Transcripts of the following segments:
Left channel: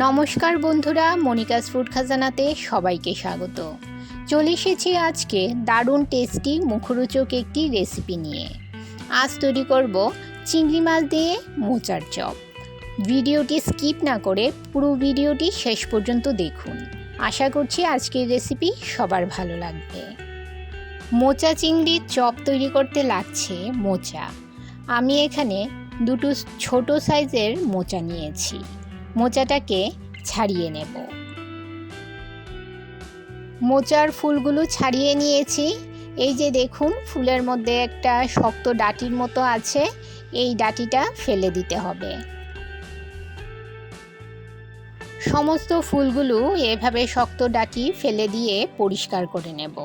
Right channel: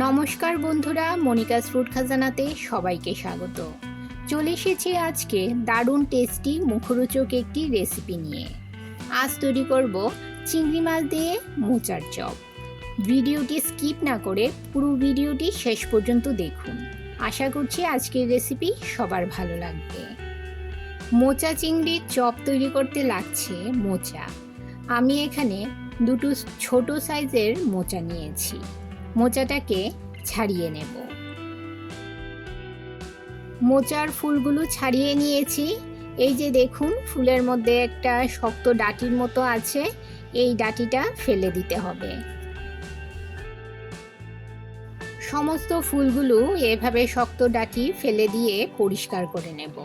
নমস্কার বন্ধুরা, Monica's food খাজানাতে সবাইকে স্বাগত। চলে এসেছি আজকে দারুণ টেস্টি মুখরোচক একটি রেসিপি নিয়ে। আজ তৈরি করব চিংড়ি মাছ দিয়ে মোচার চপ। ভিডিওটি স্কিপ না করে পুরো ভিডিওটি শেষ পর্যন্ত দেখুন। আশা করছি আজকের রেসিপি সবার ভালো লাগবে। মোচা চিংড়ির চপ তৈরি করতে লাগছে মোচা। আমি এখানে দুটো ছোট সাইজের মোচা নিয়েছি। মোচাটাকে ছাড়িয়ে নেব। মোচার ফুলগুলো ছাড়িয়ে নিয়েছি। এই যে দেখুন, ফুলের মধ্যে একটা শক্ত ডাঁটির মতো আছে, এই ডাঁটিটা ফেলে দিতে হবে। সমস্ত ফুলগুলো এভাবে শক্ত ডাঁটি ফেলে দিয়ে পরিষ্কার করে নেব।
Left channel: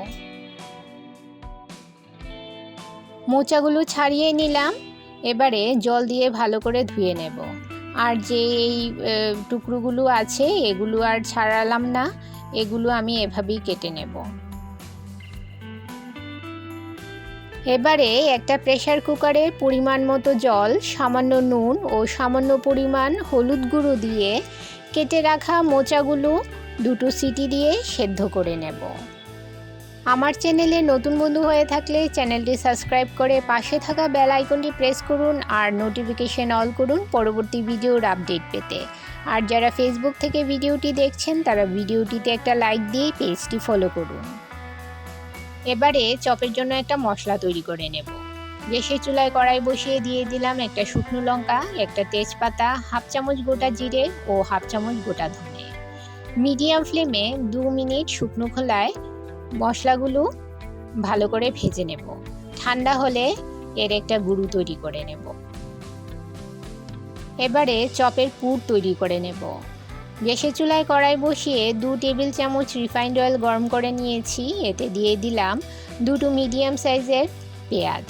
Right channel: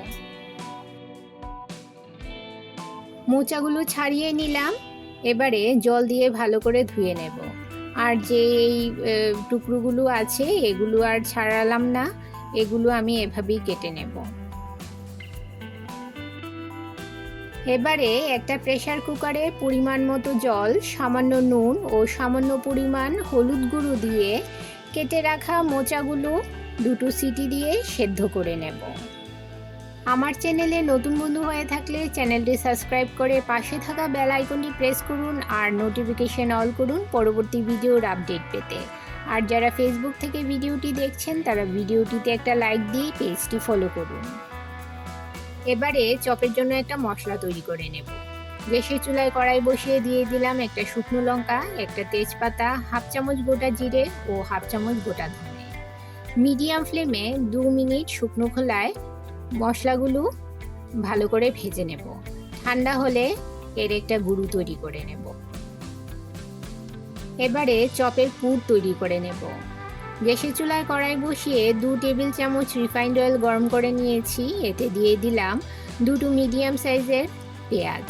মোচাগুলো ছাড়িয়ে নিলাম, এবারে জল দিয়ে ভালো করে ধুয়ে নেব। আর যে এই টুকরোগুলো আছে এগুলো আর ছাড়ালাম না, এগুলো আমি এভাবেই কেটে নেব। এবারে একটা প্রেসার কুকারে পরিমাণ মতো জল, সামান্য নুন ও সামান্য পরিমাণ হলুদ গুঁড়ো দিয়ে কেটে রাখা মোচাগুলো দুটো সিটি দিয়ে সেদ্ধ করে নেব। আমার চ্যানেলে নতুন বন্ধু হয়ে থাকলে চ্যানেলটি সাবস্ক্রাইব করে পাশে থাকা বেল আইকনটি প্রেস করুন আর নোটিফিকেশন অল করুন পরবর্তী ভিডিওর আপডেট পেতে। আর যারা ফেসবুক থেকে ভিডিওটি দেখছেন তারা ভিডিওটিতে একটা লাইক দিয়ে পেজটি ফলো করুন। এবারে চপের জন্য একটা মশলা তৈরি করে নেব। গ্যাসের চুলায় কড়াই বসিয়ে দিয়ে দিলাম একটা শুকনো লঙ্কা, একটা তেজপাতা, হাফ চামচ গোটা জিরে ও হাফ চামচ গোটা ধনে। মিডিয়াম ফ্লেমে 2 মিনিট শুকনো খোলায় মশলাগুলো ভালো করে ভেজে নেব। ঠান্ডা হলে এর একটা গুঁড়ো তৈরি করে নেব। এবারে চপের পুর তৈরি করে নেব। গ্যাসের চুলায় কড়াই বসিয়ে 2 টেবিল চামচ রিফাইন্ড অয়েল গরম করে নিয়েছি। এতে দিয়ে দিলাম দুটো মিডিয়াম সাইজের পেঁয়াজ।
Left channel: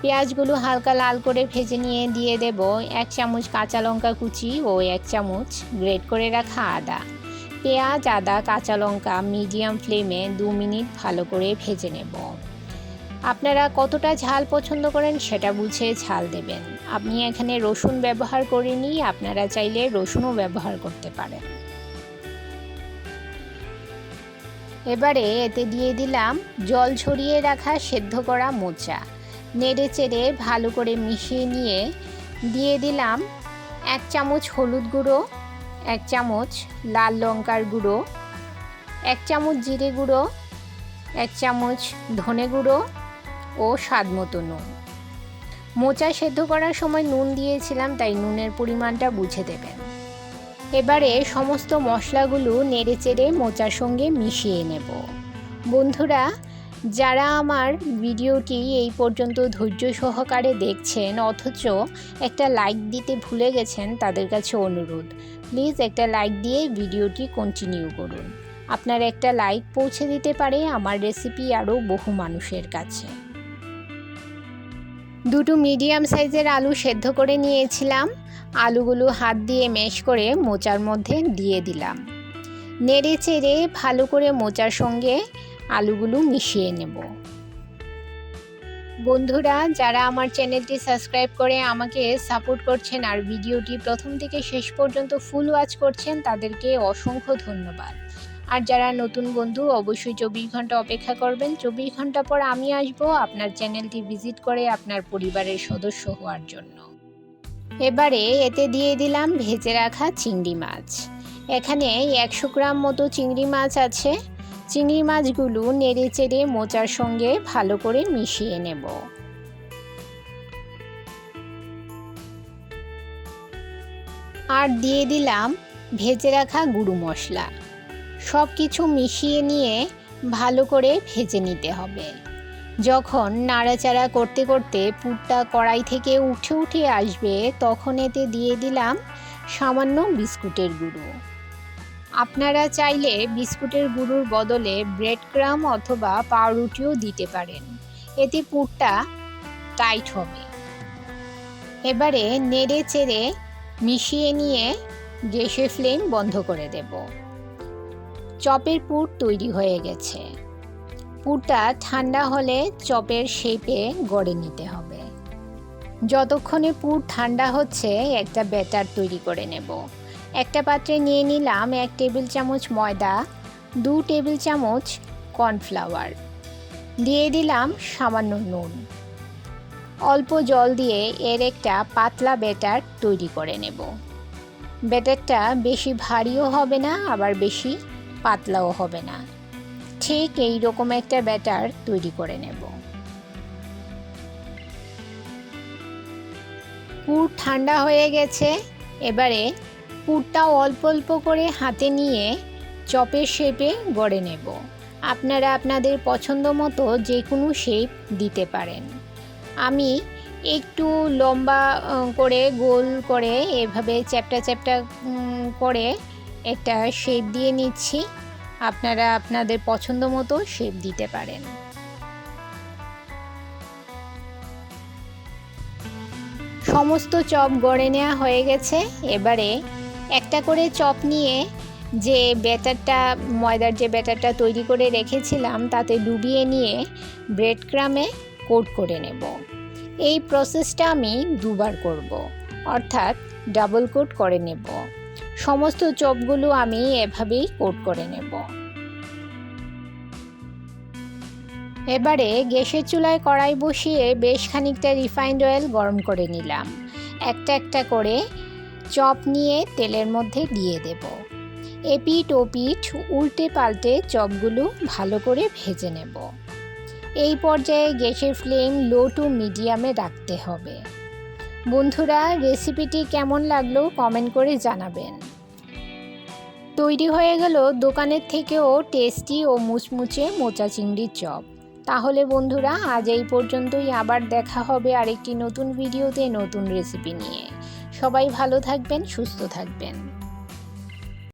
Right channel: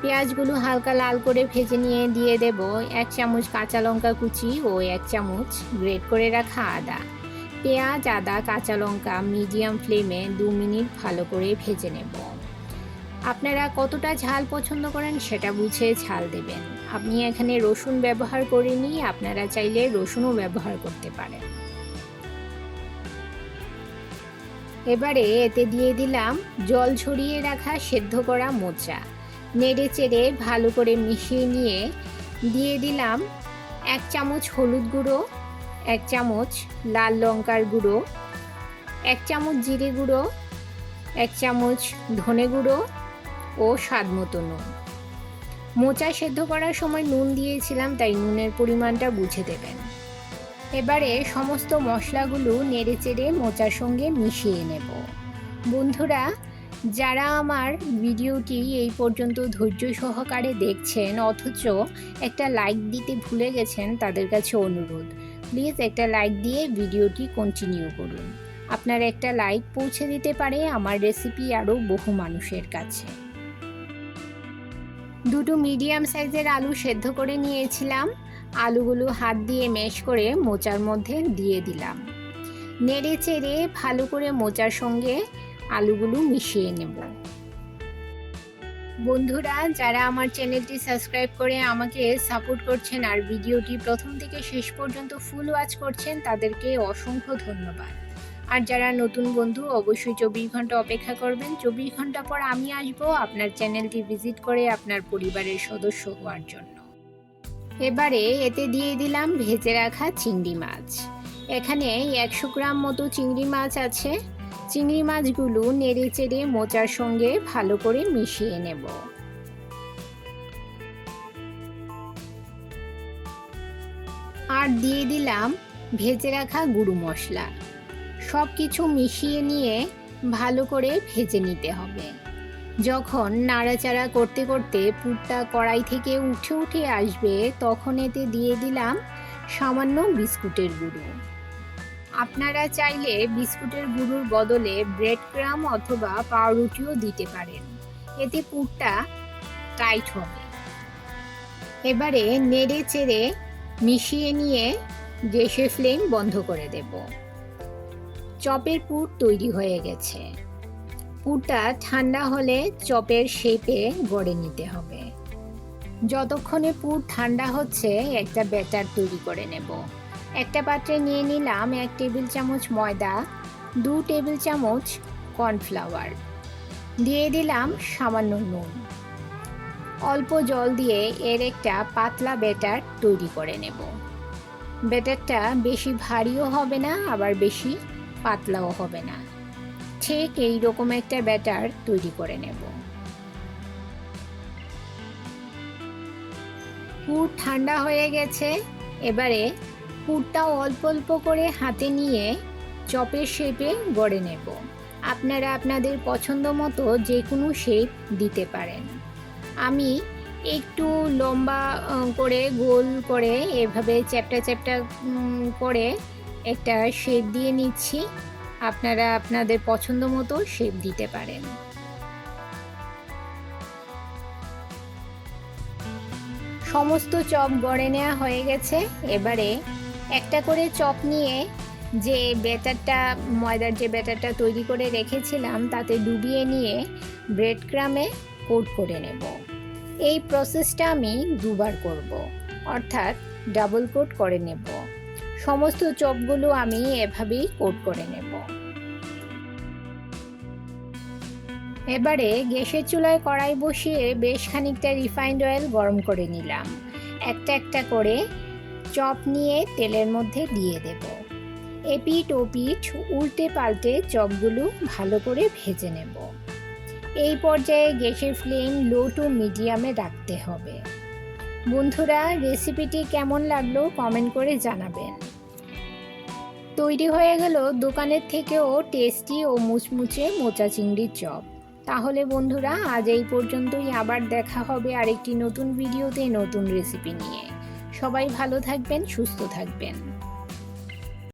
পেঁয়াজগুলো হালকা লাল করে ভেজে নিয়ে দিয়ে দেব 1 চামচ কাঁচা লঙ্কা কুচি ও 1 চামচ গ্রেট করে রাখা আদা। পেঁয়াজ, আদা, কাঁচা লঙ্কা মিডিয়াম ফ্লেমে 2 মিনিট ভালো করে ভেজে নেব। আপনারা কতটা ঝাল পছন্দ করেন সেটা বুঝে ঝাল দেবেন। আমি এখানে রসুন ব্যবহার করিনি, আপনারা চাইলে রসুনও ব্যবহার করতে পারেন। এবারে এতে দিয়ে দিলাম জল ঝরিয়ে রাখা সেদ্ধ করা মোচা। নেড়ে চেড়ে ভালো করে মিশিয়ে নিয়ে দিয়ে দিলাম 1 চামচ হলুদ গুঁড়ো, 1 চামচ লাল লঙ্কার গুঁড়ো, 1 চামচ জিরে গুঁড়ো, 1 চামচ ধনে গুঁড়ো ও স্বাদ মতো নুন। মোচা সেদ্ধ করার সময় নুন দিয়েছিলাম, তাই নুনের পরিমাণটা বুঝে দেবেন। এবারে সমস্ত মশলাগুলো নেড়ে চেড়ে মোচার সঙ্গে মিশিয়ে নেব। বন্ধুরা, যারা আমার ভিডিওটি এই পর্যন্ত ধৈর্য সহকারে দেখছেন অথচ একটা লাইক দিতে ভুলে গেছেন, তাদের কাছে অনুরোধ, প্লিজ একটা লাইক দিয়ে ভিডিওটি কন্টিনিউ করুন। আপনার একটা লাইক পৌঁছে দিতে পারে আমার রেসিপি আরও বহু মানুষের কাছে। দুটো মিডিয়াম সাইজের আলু সেদ্ধ করে নিয়েছিলাম। আলুগুলো হাত দিয়ে ম্যাশ করে মোচার মধ্যে দিয়ে দিলাম। নেড়ে চেড়ে ভালো করে মোচার সঙ্গে আলুগুলো মিশিয়ে নেব। বন্ধুরা, যারা আমার চ্যানেলটি সাবস্ক্রাইব করে আমাকে সাপোর্ট করছেন আর ভিডিওটি প্রথম থেকে শেষ পর্যন্ত ফুল ওয়াচ করছেন, তাদেরকে অসংখ্য ধন্যবাদ। আর যারা নতুন বন্ধু অবশ্যই 24 ঘন্টা অপেক্ষা করবেন। 24 ঘন্টা পর আমি আসব আপনার চ্যানেলটি ভিজিট করে আপনার পরিবারের সদস্য হওয়ার জন্য। এবারে এতে দিয়ে দিলাম ভেজে রাখা চিংড়ি মাছ। এখানে 100 গ্রাম মতো চিংড়ি মাছ আছে। চিংড়ি মাছগুলো নেড়ে চেড়ে মোচার সঙ্গে ভালো করে মিশিয়ে নেব। আর দিয়ে দিলাম ভেজে রাখা গুঁড়ো মশলা। সব কিছু মিশিয়ে নিয়ে ভালো করে ভেজে নিতে হবে। যখন নাড়াচাড়া করতে করতে পুরটা কড়াই থেকে উঠে উঠে আসবে, তখন এতে দিয়ে দিলাম সামান্য বিস্কুটের গুঁড়ো। আপনারা চাইলে বিস্কুটের গুঁড়োর বদলে ব্রেড ক্রাম্ব অথবা পাউরুটিও দিতে পারেন, এতে পুরটা টাইট হবে। এবারে নেড়ে চেড়ে মিশিয়ে নিয়ে গ্যাসের ফ্লেম বন্ধ করে দেব। চপের পুর তৈরি হয়ে গেছে। পুরটা ঠান্ডা হলে চপের শেপে গড়ে নিতে হবে। যতক্ষণে পুর ঠান্ডা হচ্ছে একটা ব্যাটার তৈরি করে নেব। একটা পাত্রে নিয়ে নিলাম 1 টেবিল চামচ ময়দা, 2 টেবিল চামচ কর্নফ্লাওয়ার, দিয়ে দিলাম সামান্য নুন। অল্প জল দিয়ে এর একটা পাতলা ব্যাটার তৈরি করে নেব। ব্যাটারটা বেশি ভারীও হবে না, আবার বেশি পাতলাও হবে না, ঠিক এই রকম একটা ব্যাটার তৈরি করে নেব। পুর ঠান্ডা হয়ে গেছে। এবারে পুরটা অল্প অল্প করে হাতে নিয়ে চপের শেপে গড়ে নেব। আপনারা আপনাদের পছন্দ মতো যে কোনো শেপ দিতে পারেন। আমি একটু লম্বা করে গোল করে এভাবে চ্যাপ্টা চ্যাপ্টা করে একটা শেপ দিয়ে নিচ্ছি। আপনারা আপনাদের পছন্দ মতো শেপ দিতে পারেন। সমস্ত চপ গড়ে নেওয়া হয়ে গেছে। এবারে একটা করে চপ নিয়ে যে ব্যাটারটা, ময়দার যে ব্যাটারটা তৈরি করে রেখেছিলাম তাতে ডুবিয়ে নিয়ে ব্রেড ক্রামে কোট করে নেব। এই প্রসেসটা আমি 2 বার করব, অর্থাৎ ডাবল কোট করে নেব। সমস্ত চপগুলো আমি এভাবেই কোট করে নেব। এবারে গ্যাসের চুলায় কড়াই বসিয়ে বেশ খানিকটা রিফাইন্ড অয়েল গরম করে নিলাম। একটা একটা করে চপ নিয়ে তেলের মধ্যে দিয়ে দেব। এপিঠ ওপিঠ উল্টে পাল্টে চপগুলো ভালো করে ভেজে নেব। এই পর্যায়ে গ্যাসের ফ্লেম লো টু মিডিয়ামে রাখতে হবে। বন্ধুরা, রেসিপিটি কেমন লাগলো কমেন্ট করে জানাবেন। তৈরি হয়ে গেল দোকানের থেকেও টেস্টি ও মুচমুচে মোচা চিংড়ির চপ। তাহলে বন্ধুরা, আজ এই পর্যন্তই। আবার দেখা হবে আরেকটি নতুন ভিডিওতে নতুন রেসিপি নিয়ে। সবাই ভালো থাকবেন, সুস্থ থাকবেন।